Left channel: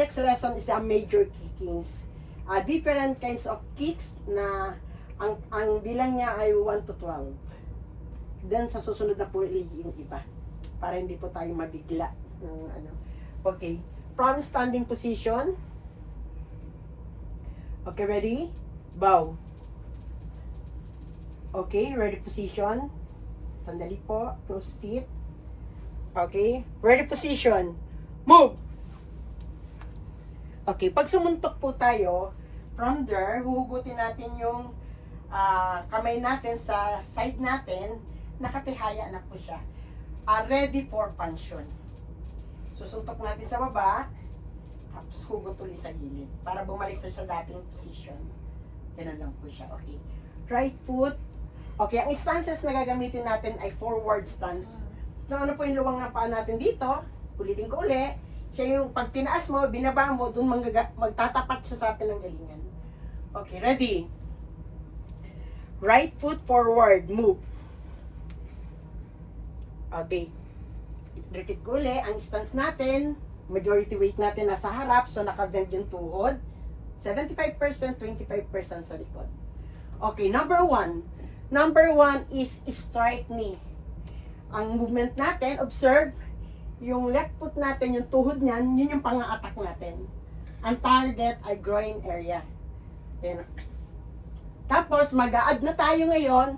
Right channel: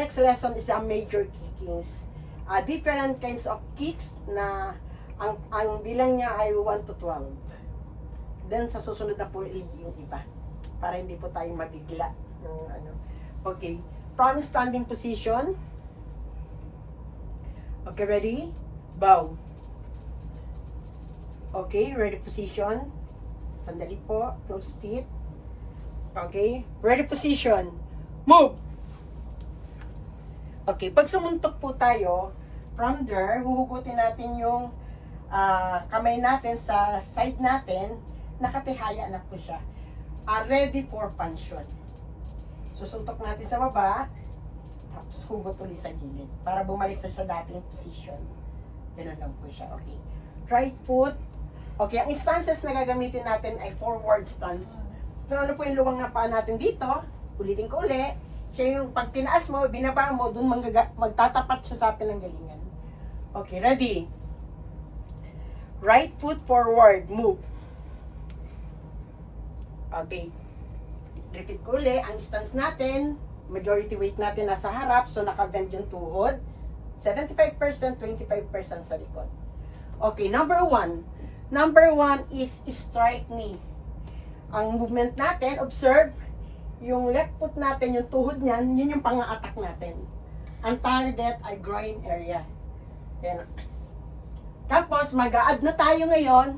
Next lesson is a major kickings. Different kinds of kicks na ang bilang niya ay 1 to 12. Then sa susunod na po yung iba para hindi po tayo mabigla ng ano. Okay, from standing position. Okay, ready? Bow. Okay, ready position. Sandali po, close feet. Okay, ready position. Move. Okay, pag sumuntok po tayo, from there, huhugutin natin yung kamay natin sa side natin, nakatihaya na po siya. Ready for function. Susuntok natin sa baba, tapos hugot ulit sa gilid, para bumalik sa dating position. Ganun lang po siya. Okay. Right foot. Okay, ang stances na gagamitin natin ay forward stance. So, ano po yung luwang ng paa natin dito? Ulitin ko ulit. Siya yung pag tinaas mo, binaba mo, dun magtatapat siya sa atin ng galingan. Okay, ready? Right foot forward, move. Okay. Repeat ko ulit, ang stance natin, majority weight natin nasa harap, so naka-bend yung tuhod. 75%, 25% sa likod. Okay, number 1. Number 1 is strike knee. Ang movement natin, observe, yung left foot natin, yung tuhod niyan, yun yung pang-attack natin. Ang target ay groin area. Then, tapos, mag-a-add na tayo ngayon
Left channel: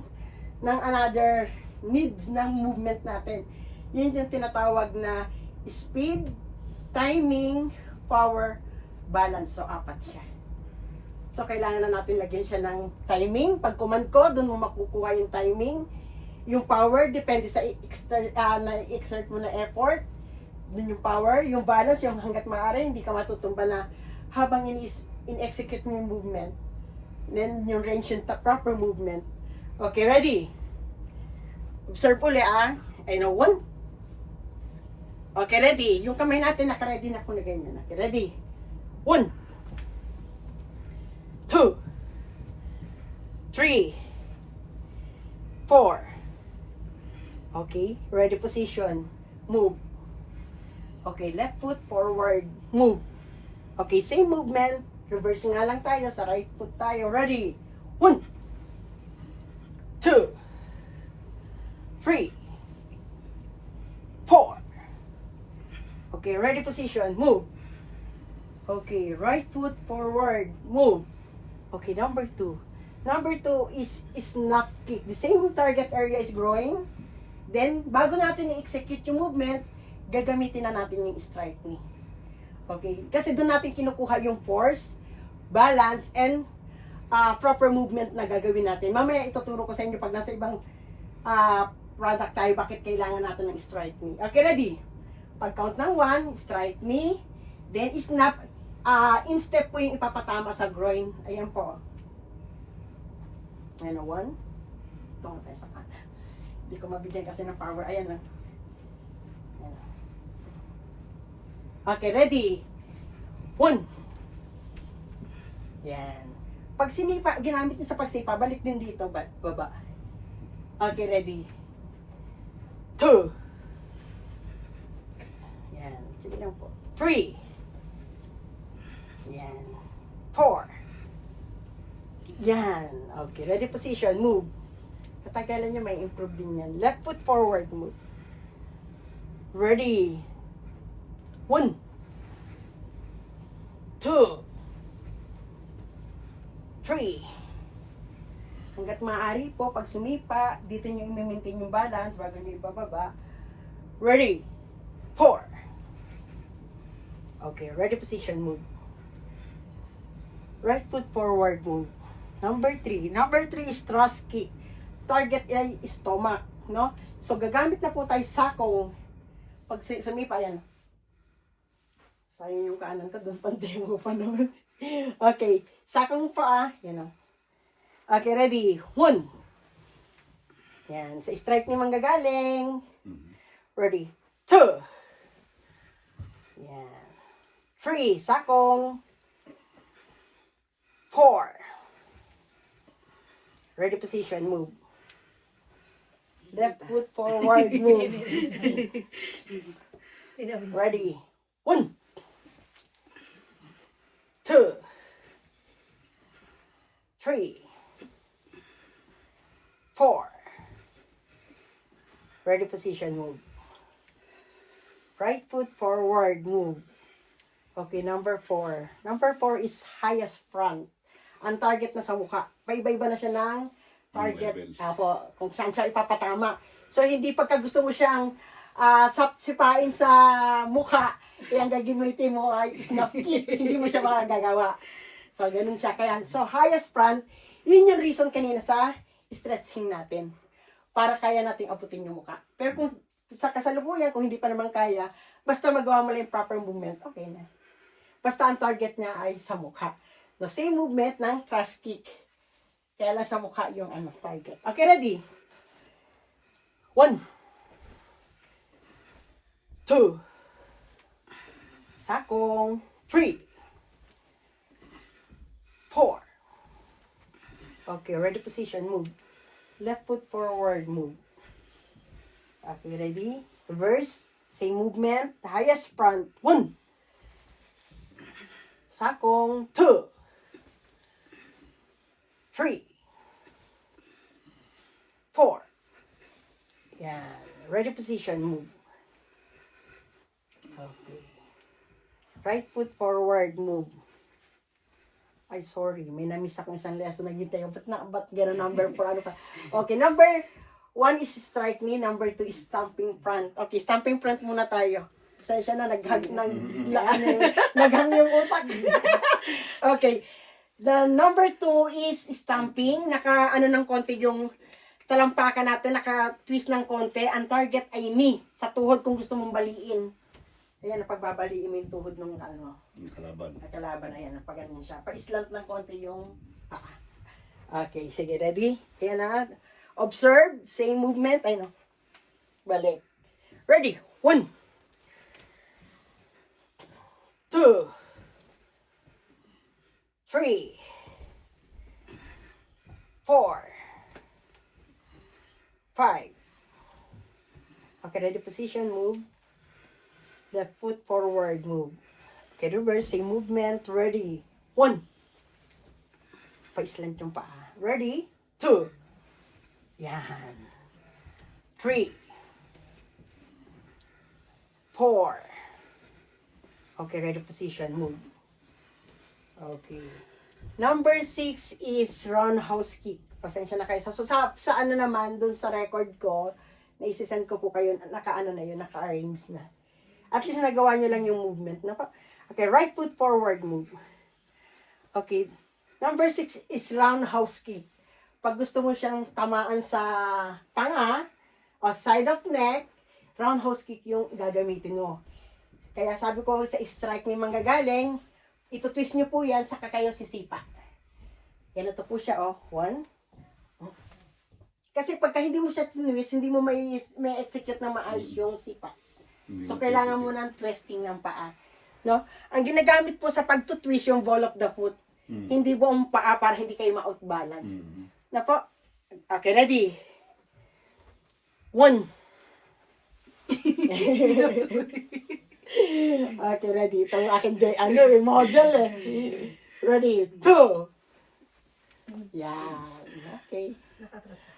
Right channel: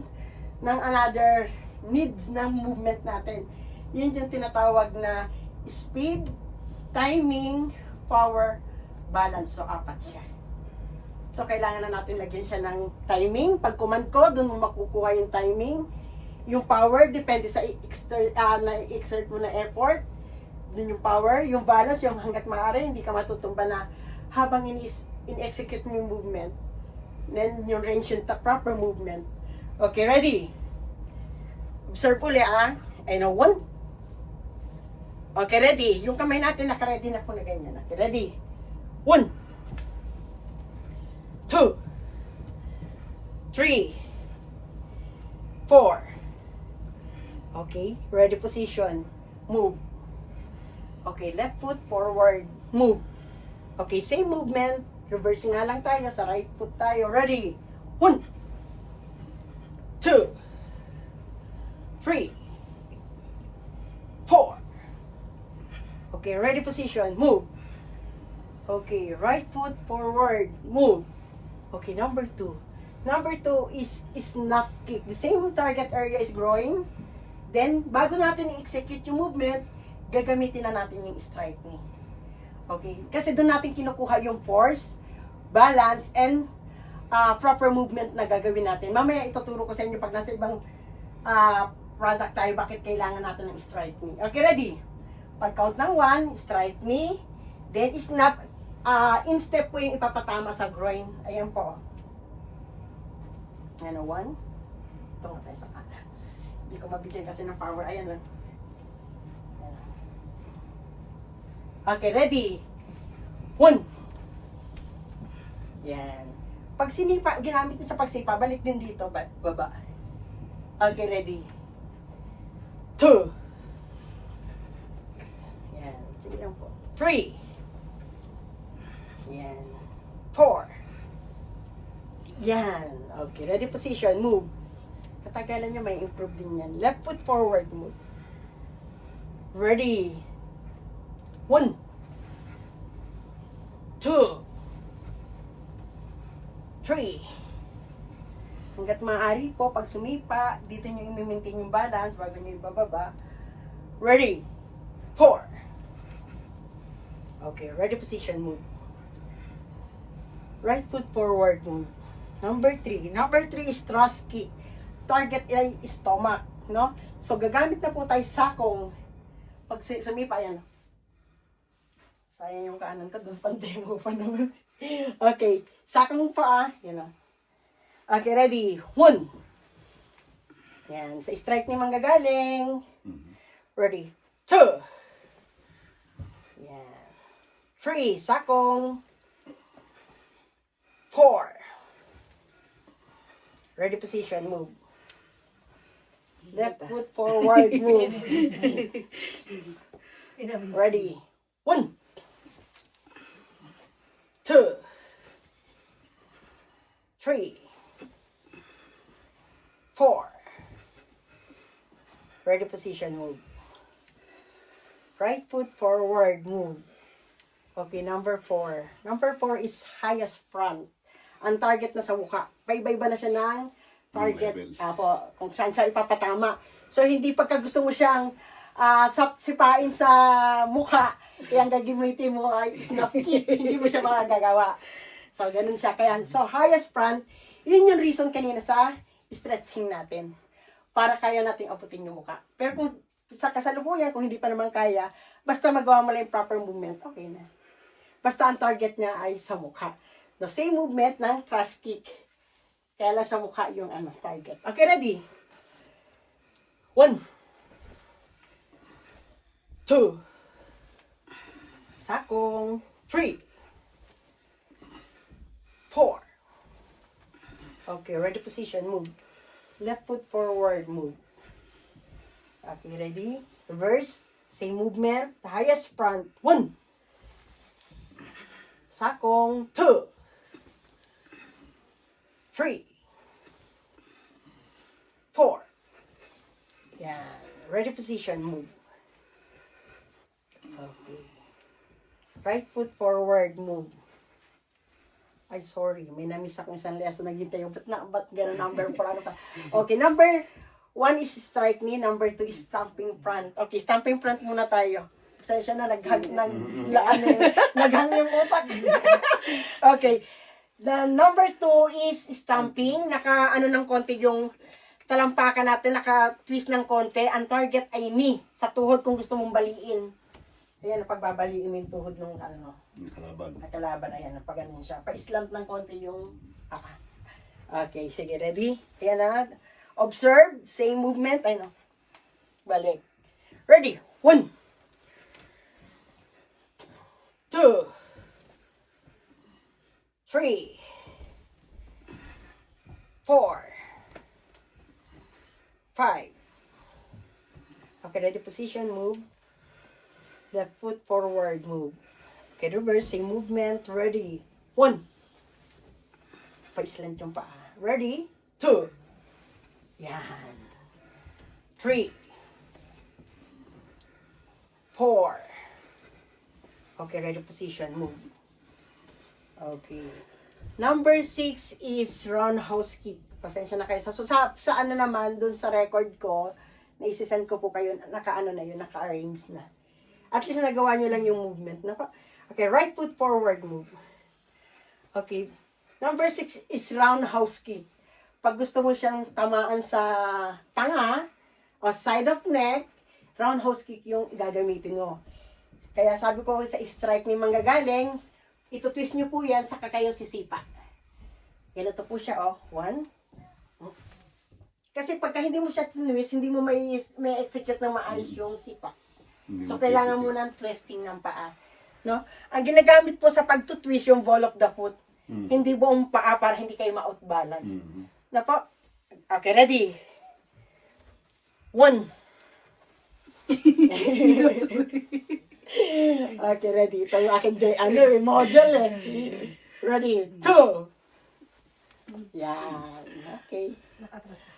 ng another needs ng movement natin. Yun yung tinatawag na speed, timing, power, balance. So, 4 siya. So, kailangan na natin lagyan siya ng timing. Pag command ko, doon mo makukuha yung timing. Yung power, depende sa na-exert mo na effort. Doon yung power. Yung balance, yung hanggat maaari, hindi ka matutumba na habang in-execute mo yung movement. Then, yung range yung proper movement. Okay, ready? Observe ulit I know 1. Okay, ready? Yung kamay natin, naka-ready na po na ganyan. Okay, ready? 1, 2, 3, 4. Okay, ready position. Move. Okay, left foot forward. Move. Okay, same movement. Reversing nga lang tayo. Sa right foot tayo. Ready? 1, 2, 3, 4. Okay, ready position. Move. Okay, right foot forward. Move. Okay, number 2. Number 2 is snuff kick. The same target area is growing. Then, bago natin i-execute yung movement, gagamitin na natin yung strike knee. Okay? Kasi doon natin kinukuha yung force, balance, and proper movement na gagawin natin. Mamaya ituturo ko sa inyo pag nasa ibang product tayo, bakit kailangan natin ng strike knee. Okay, ready? Pag count ng 1, strike knee, then snap, in step po yung ipapatama sa groin. Ayan po. Ayan o, 1. Tungo tayo sa kanan. Hindi ko mabigyan kasi ng power. Ayan lang. Okay, ready? 1. Yan. Pag sinipa, ginamit nyo sa pagsipa, balik din dito, baba. Okay, ready? 2. Yan. Sige lang po. 3. Yan. 4. Yan. Okay, ready position. Move. Katagalan nyo, may improve din yan. Left foot forward. Move. Ready. 1, 2, 3. Hanggat maaari po, pag sumipa, dito nyo i-maintain yung balance bago nyo ibababa. Ready. 4. Okay, ready position. Move. Right foot forward. Move. Number 3. Number 3 is thrust kick. Target ay stomach, no? So, gagamit na po tayo sakong. Pag sumipa, yan. Sayang yung kanan ko, doon pang-demo pa naman. Okay, sakong pa, yun o. Okay, ready? 1. Yan, sa strike ni manggagaling. Ready? 2. Yan. 3, sakong. 4. Ready position, move. Left foot forward, move. Ready. 1. 2, 3, 4. Ready position, move. Right foot forward, move. Okay, number 4. Number 4 is highest front. Ang target na sa mukha. Paiba-iba na siya ng target. Apo, kung saan siya ipapatama. So, hindi pagka gusto mo siyang sipain sa mukha, ang gagamitin mo ay snap kick. Hindi mo siya makagagawa. So, ganun siya. Kaya, so, highest front, yun yung reason kanina sa stretching natin. Para kaya natin abutin yung mukha. Pero kung sa kasalukuyan, kung hindi pa naman kaya, basta magawa mo lang yung proper movement, okay na. Basta ang target niya ay sa mukha. The same movement ng thrust kick. Kaya lang sa mukha yung target. Okay, ready? 1, 2, sakong, 3, 4. Okay, ready position, move. Left foot forward, move. Okay, ready? Reverse, same movement, the highest front, 1. Sakong, 2, 3, 4. Yeah. Ready position, move. Okay. Right foot forward, move. Ay, sorry. May na-miss akong isang lesson. Naghintay yung, ba't gano'n number 4? Ano pa? Okay, number 1 is strike knee. Number 2 is stamping front. Okay, stamping front muna tayo. Pasensya na, naghang yung utak. Okay. The number 2 is stamping. Naka-ano ng konti yung talampakan natin. Naka-twist ng konti. Ang target ay knee. Sa tuhod kung gusto mong baliin. Ayan, pagbabaliin mo yung tuhod ng nakalaban. Ayan, pag ganun siya. Pa-slant ng konti yung paa. Okay, sige, ready? Ayan na. Observe. Same movement. Ayan. Balik. Ready? 1, 2, 3, 4, 5. Okay, ready position, move. Left foot forward, move. Okay, reversing movement, ready. 1. Pa-slant yung paa. Ready? 2. Yan. 3. 4. Okay, ready position, move. Okay. Number 6 is roundhouse kick. Pasensya na kayo. Sa ano naman, dun sa record ko, naisisend ko po kayo, naka-ano na yun, naka-arrange na. At least nagawa nyo lang yung movement. Okay, right foot forward move. Okay. Number 6 is roundhouse kick. Pag gusto mo siyang tamaan sa panga, o side of neck, roundhouse kick yung gagamitin mo. Kaya sabi ko sa strike ni manggagaling, ito-twist nyo po yan, saka kayo sisipa. Ganito po siya, 1. Kasi pagka hindi mo siya twist, hindi mo may execute na maayos yung sipa. So, kailangan mo ng twisting ng paa. No? Ang ginagamit po sa pag-twist yung ball of the foot. Hindi buong paa para hindi kayo ma-outbalance. Na po? Okay, ready? 1. Okay, ready. Itong aking model Ready? 2. Yan. Okay.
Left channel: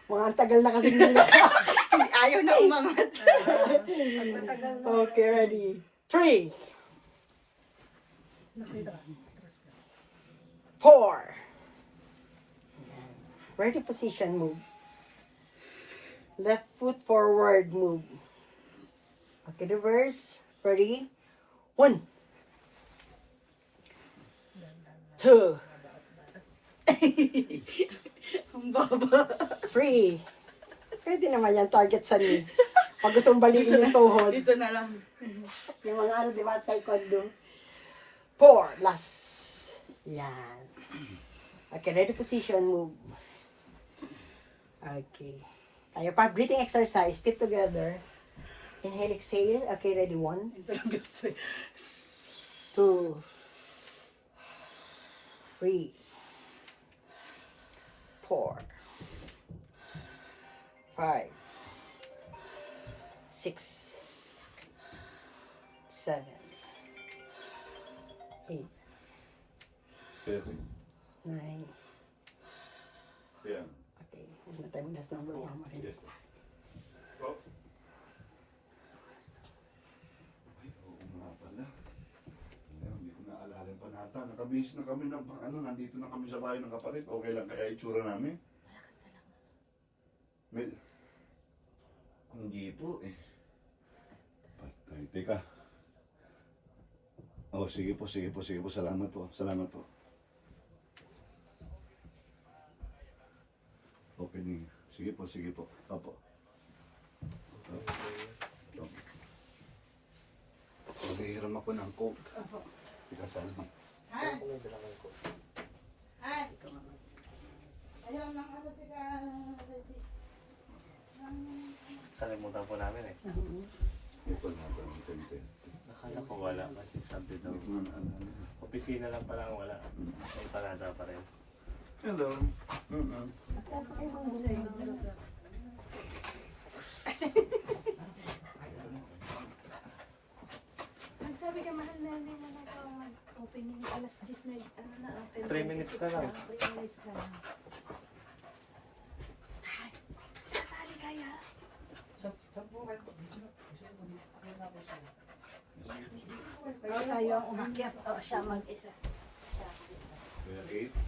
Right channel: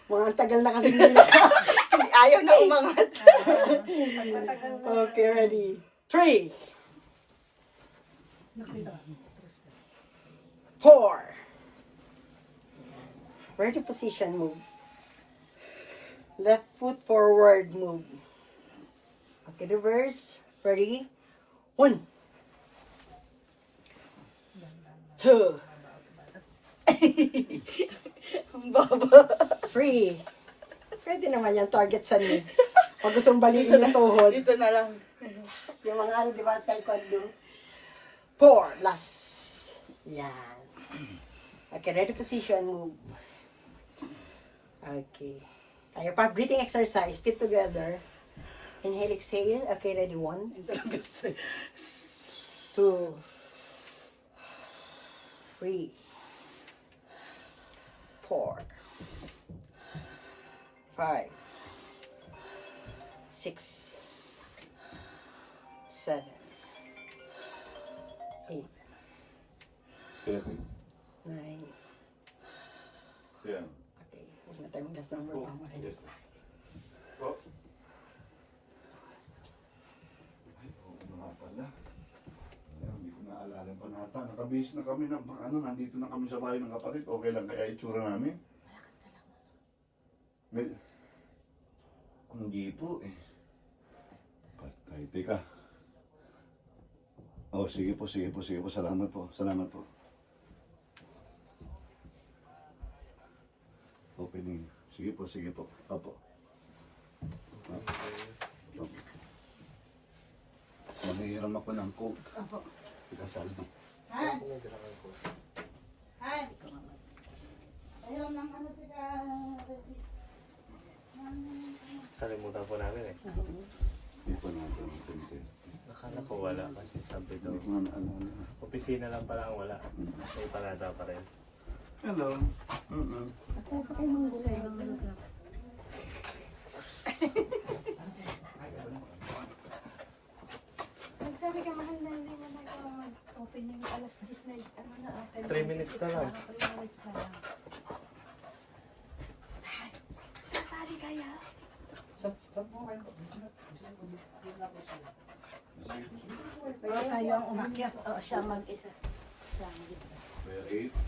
Ang tagal na kasi nila. Ayaw na umangat. Okay, ready. 3. 4. Ready position, move. Left foot forward, move. Okay, reverse. Ready? 1. 2. Ang baba. 3. Pwede naman yan, target sa knee. Pag gusto mong baliin yung tuhod. Dito na lang. Yung mga diba, taekwondo. 4. Last. Yan. Okay, ready position, move. Okay. Tayo pa, breathing exercise. Keep together. Inhale, exhale. Okay, ready? 1. 2. 3. 4. 5. 6. 7. 8. 7. 9. Yan. Okay, huwag na tayo last number. Baka makinig. Yes. Oh. Ay, oo nga pala. Ayan, hindi ko naalala pa nata. Nakabihis na kami ng nandito na kami sa bahay ng kapatid. Okay lang kaya itsura namin? May... Hindi po eh. Ay, teka. Oh, sige po. Salamat po. Opening. Sige po. Opo. Maghihiram ako ng coat. Opo. Kita saldi. Ha? Ha? Ayaw lang ano sila, Reggie. Kalimutan po namin eh. Hindi po natin ang tente. Akala ko wala kasi sabi daw. Opisina lang pala ang wala. May parada pa rin. Hello. Magsabi ka, mahal na rin mo mag-opening alas 10 na, 3 minutes na lang. 3 minutes na lang. Sa tali kaya? O tayo ang umakyat. O siya mag-isa. Siya mag-isa.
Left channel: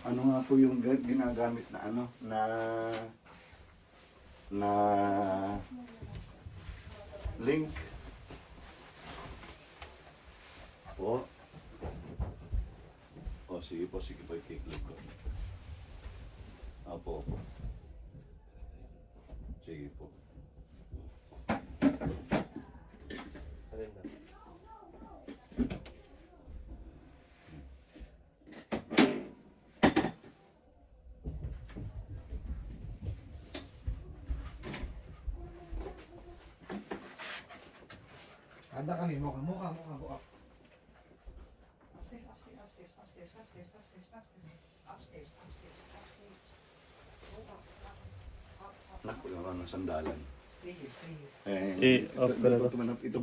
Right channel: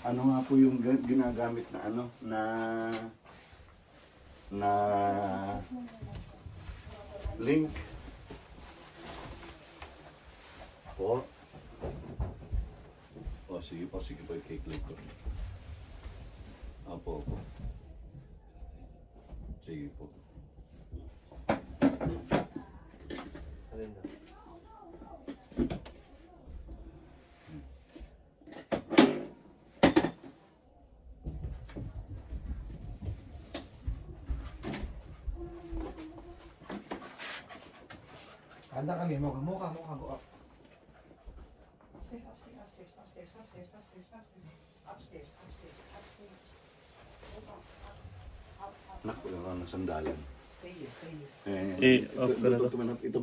Ano nga po yung ginagamit na na link po? O sige po, i-take link po. Opo. Sige po. Alin daw? Handa kami, muka. Naku, wala na sandalan. Stay here. Eh, off ka na to. Ito